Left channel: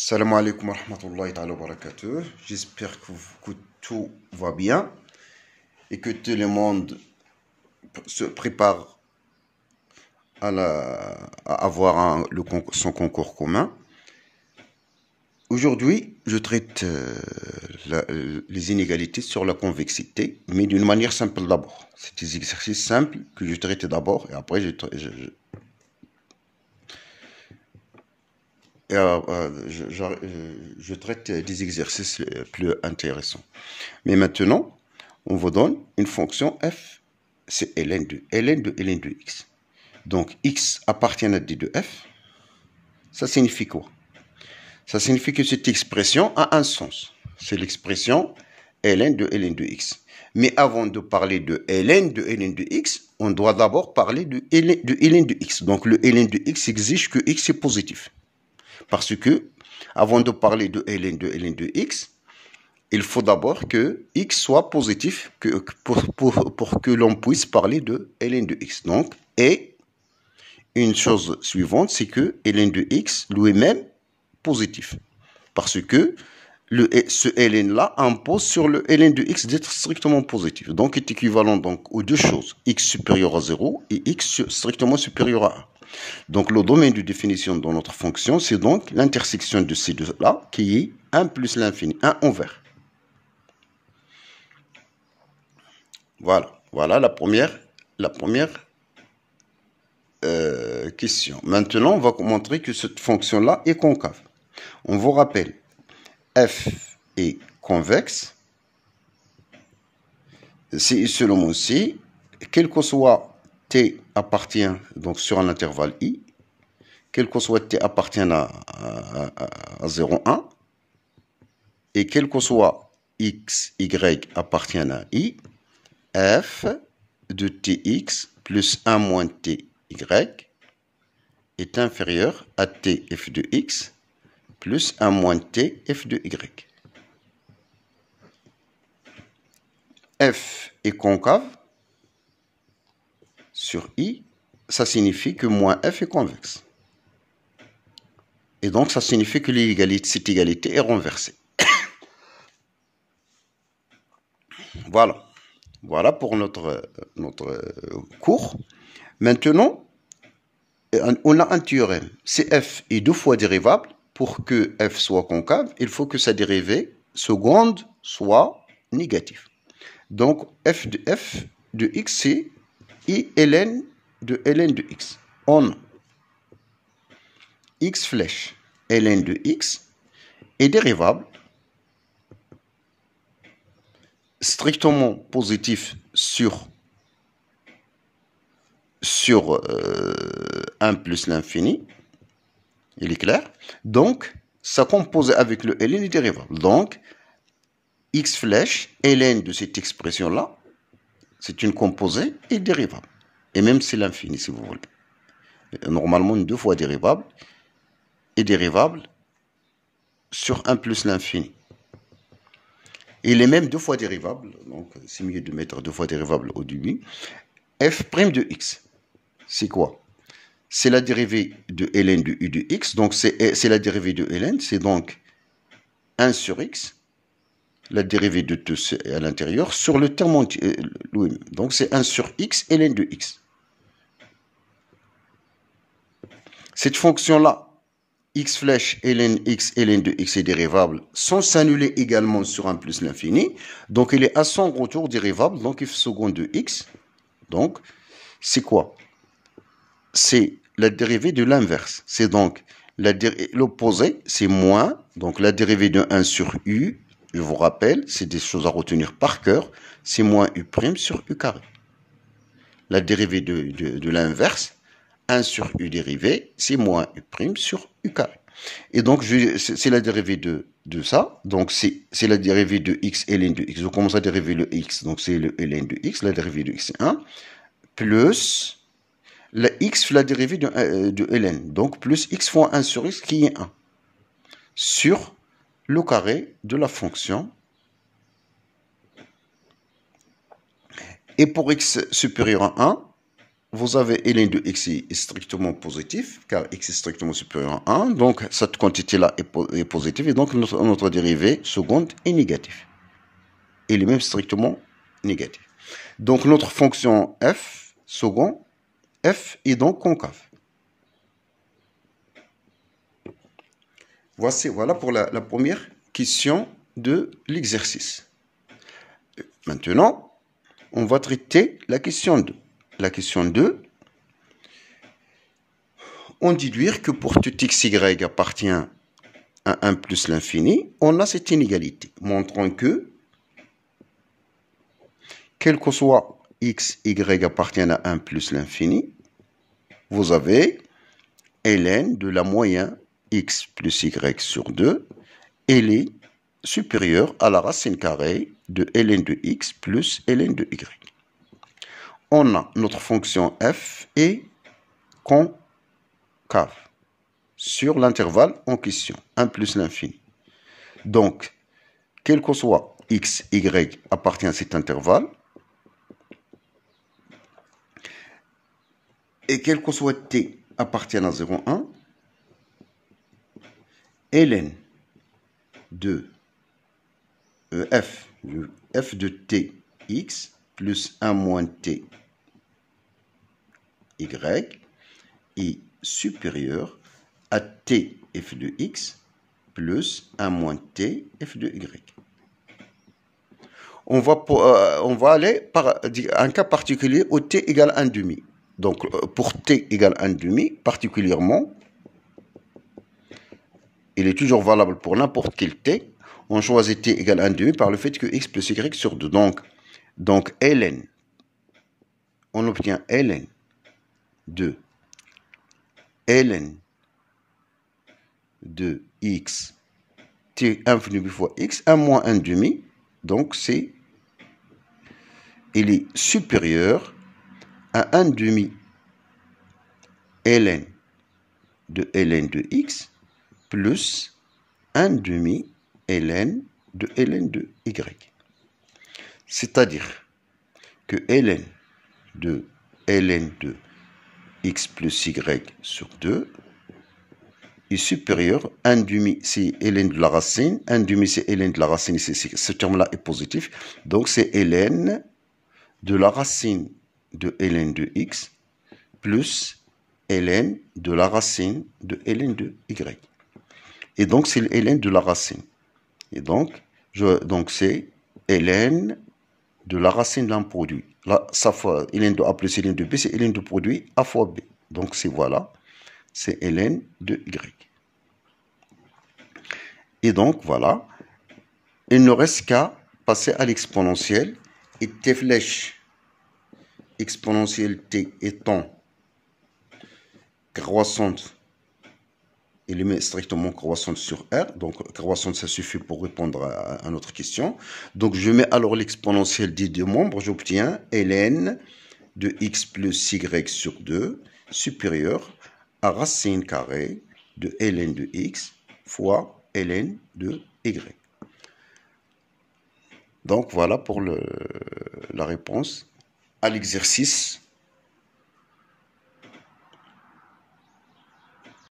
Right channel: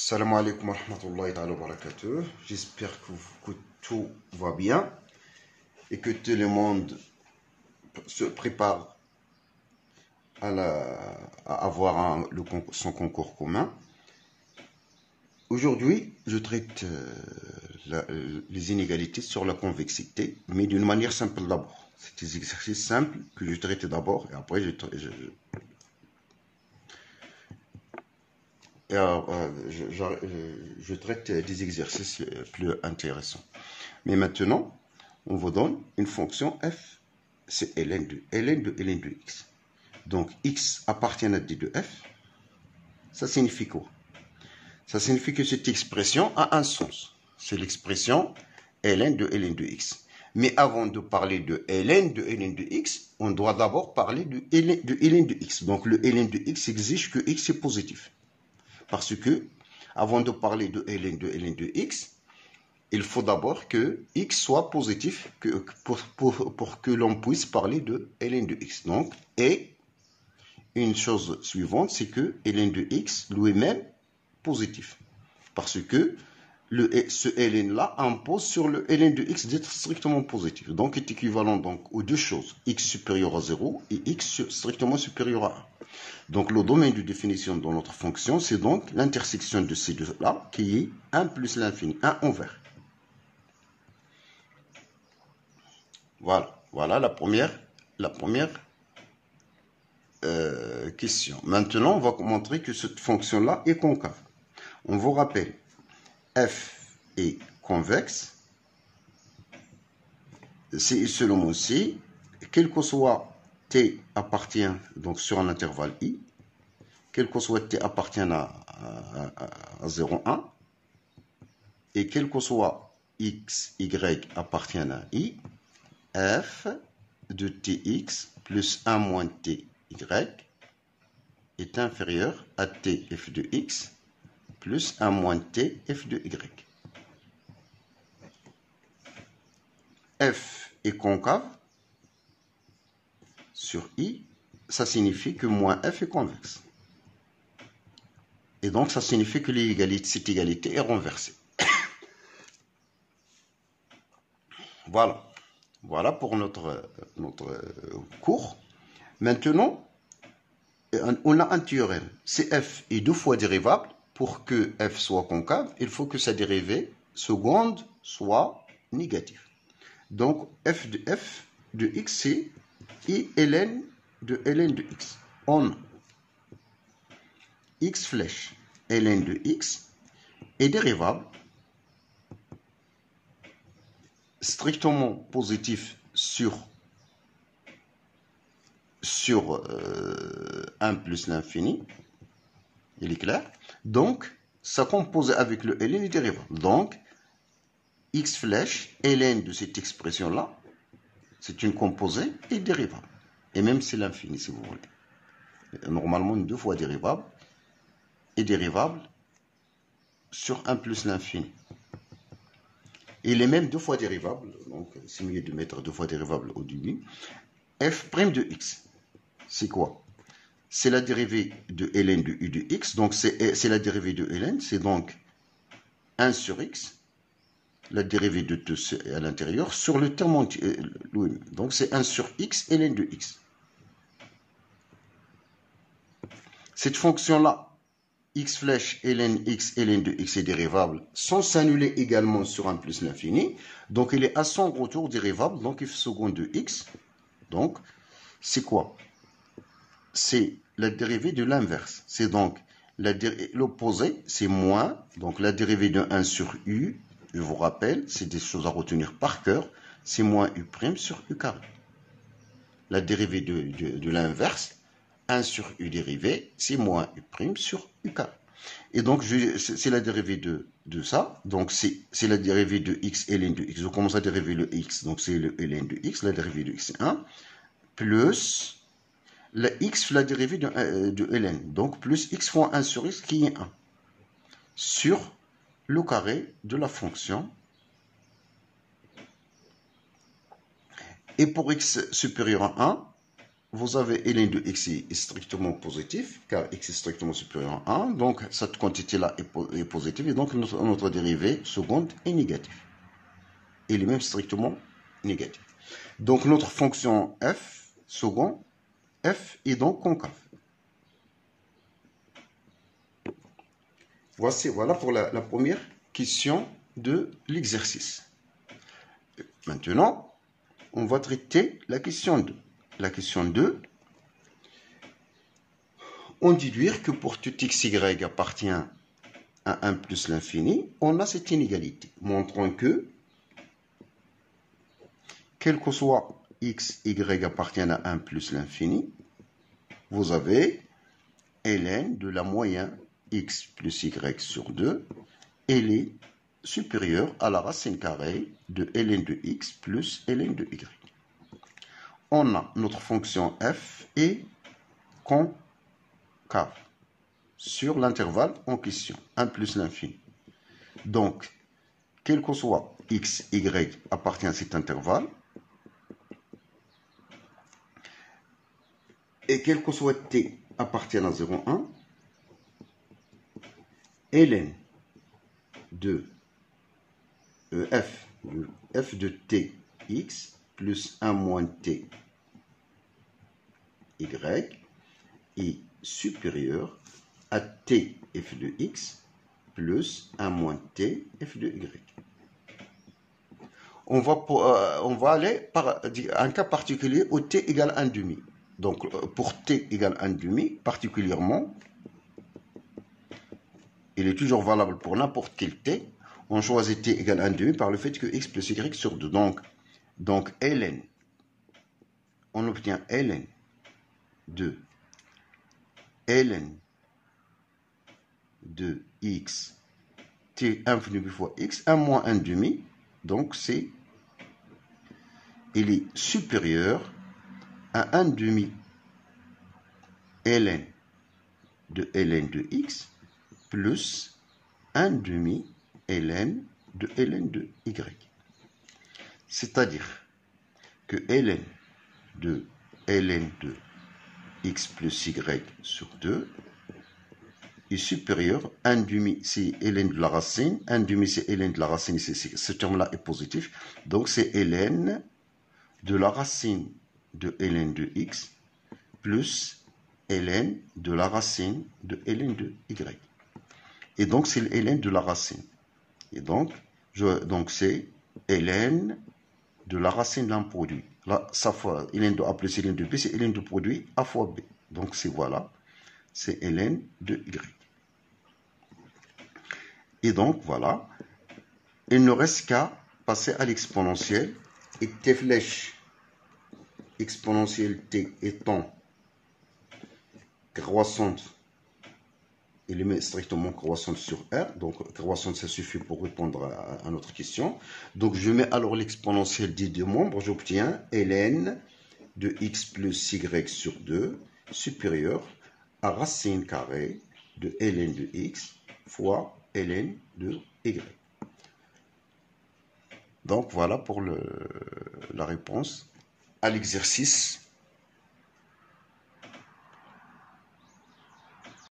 Salam alaikum wa rahmatullahi wa barakatuh. J'espère que tout va bien et que tout le monde se prépare à avoir son concours commun. Aujourd'hui, je traite les inégalités sur la convexité, mais d'une manière simple d'abord. C'est des exercices simples que je traite d'abord et après je traite des exercices plus intéressants. Mais maintenant, on vous donne une fonction f, c'est ln de x. Donc, x appartient à d de f. Ça signifie quoi? Ça signifie que cette expression a un sens. C'est l'expression ln de x. Mais avant de parler de ln de x, on doit d'abord parler de ln de x. Donc, le ln de x exige que x est positif. Parce que, avant de parler de ln de x, il faut d'abord que x soit positif pour que l'on puisse parler de ln de x. Donc, et une chose suivante, c'est que ln de x lui-même positif. Parce que ce ln-là impose sur le ln de x d'être strictement positif. Donc, il est équivalent donc, aux deux choses, x supérieur à 0 et x strictement supérieur à 1. Donc, le domaine de définition de notre fonction, c'est donc l'intersection de ces deux-là, qui est 1 plus l'infini, 1 envers. Voilà la première question. Maintenant, on va montrer que cette fonction-là est concave. On vous rappelle, f est convexe, si seulement si, quel que soit t appartient donc sur un intervalle i, quel que soit t appartient à 0, 1, et quel que soit x, y appartient à i, f de tx plus 1 moins ty est inférieur à t f de x plus 1 moins t f de y. F est concave sur i, ça signifie que moins f est convexe. Et donc, ça signifie que cette égalité est renversée. Voilà pour notre cours. Maintenant, on a un théorème. Si f est 2 fois dérivable, pour que f soit concave, il faut que sa dérivée seconde soit négative. Donc, f de x, c'est i ln de x. On x flèche ln de x est dérivable strictement positif sur 1 plus l'infini. Il est clair? Donc, ça compose avec le ln est dérivable. Donc, x flèche ln de cette expression-là, c'est une composée et dérivable. Et même c'est l'infini, si vous voulez. Normalement, une 2 fois dérivable est dérivable sur 1 plus l'infini. Il est même 2 fois dérivable, donc c'est mieux de mettre 2 fois dérivable au début. F' de x, c'est quoi? C'est la dérivée de ln de u de x, donc c'est la dérivée de ln, c'est donc 1 sur x, la dérivée de tout à l'intérieur, sur le terme entier, donc c'est 1 sur x ln de x. Cette fonction-là, x flèche ln de x est dérivable sans s'annuler également sur 1 plus l'infini. Donc, il est à son retour dérivable, donc f seconde de x. Donc, c'est quoi? C'est la dérivée de l'inverse. C'est donc l'opposé, c'est moins. Donc, la dérivée de 1 sur u, je vous rappelle, c'est des choses à retenir par cœur, c'est moins u' sur u carré. La dérivée de l'inverse, 1 sur u dérivé, c'est moins u' sur u carré. Et donc, c'est la dérivée de ça. Donc, c'est la dérivée de x ln de x. Je commence à dériver le x. Donc, c'est le ln de x. La dérivée de x, c'est 1. Plus la x, la dérivée de ln. Donc, plus x fois 1 sur x, qui est 1. Sur le carré de la fonction. Et pour x supérieur à 1, vous avez ln de x est strictement positif, car x est strictement supérieur à 1. Donc, cette quantité-là est positive. Et donc, notre dérivée seconde est négative. Il est même strictement négatif. Donc, notre fonction f second, f est donc concave. Voilà pour la première question de l'exercice. Maintenant, on va traiter la question 2. La question 2, on déduire que pour tout xy appartient à 1 plus l'infini, on a cette inégalité, montrant que, quel que soit x, y appartiennent à 1 plus l'infini, vous avez ln de la moyenne x plus y sur 2, elle est supérieure à la racine carrée de ln de x plus ln de y. On a notre fonction f est concave sur l'intervalle en question, 1 plus l'infini. Donc, quel que soit x, y appartient à cet intervalle, et quel que soit t appartient à 0,1, ln de f de t x plus 1 moins t y est supérieur à t f de x plus 1 moins t f de y. On va aller par un cas particulier où t égale 1 demi. Donc, pour t égale 1 demi, particulièrement, il est toujours valable pour n'importe quel t. On choisit t égale 1 demi par le fait que x plus y sur 2. Donc ln, on obtient ln de x t infini fois x, 1 moins 1 demi. Donc, il est supérieur à 1 demi ln de x plus 1 demi ln de y. C'est-à-dire que ln de x plus y sur 2 est supérieur à 1 demi, c'est ln de la racine, 1 demi c'est ln de la racine, ce terme-là est positif, donc c'est ln de la racine de ln de x plus ln de la racine de ln de y. Et donc, c'est ln de la racine. Et donc c'est ln de la racine d'un produit. Là, ça fois ln de a plus ln de b, c'est ln de produit a fois b. Donc, voilà, c'est ln de y. Et donc, voilà, il ne reste qu'à passer à l'exponentielle. Et t flèche exponentielle t étant croissante, il est strictement croissante sur R. Donc, croissante, ça suffit pour répondre à notre question. Donc, je mets alors l'exponentielle des deux membres. J'obtiens ln de x plus y sur 2 supérieur à racine carrée de ln de x fois ln de y. Donc, voilà pour la réponse à l'exercice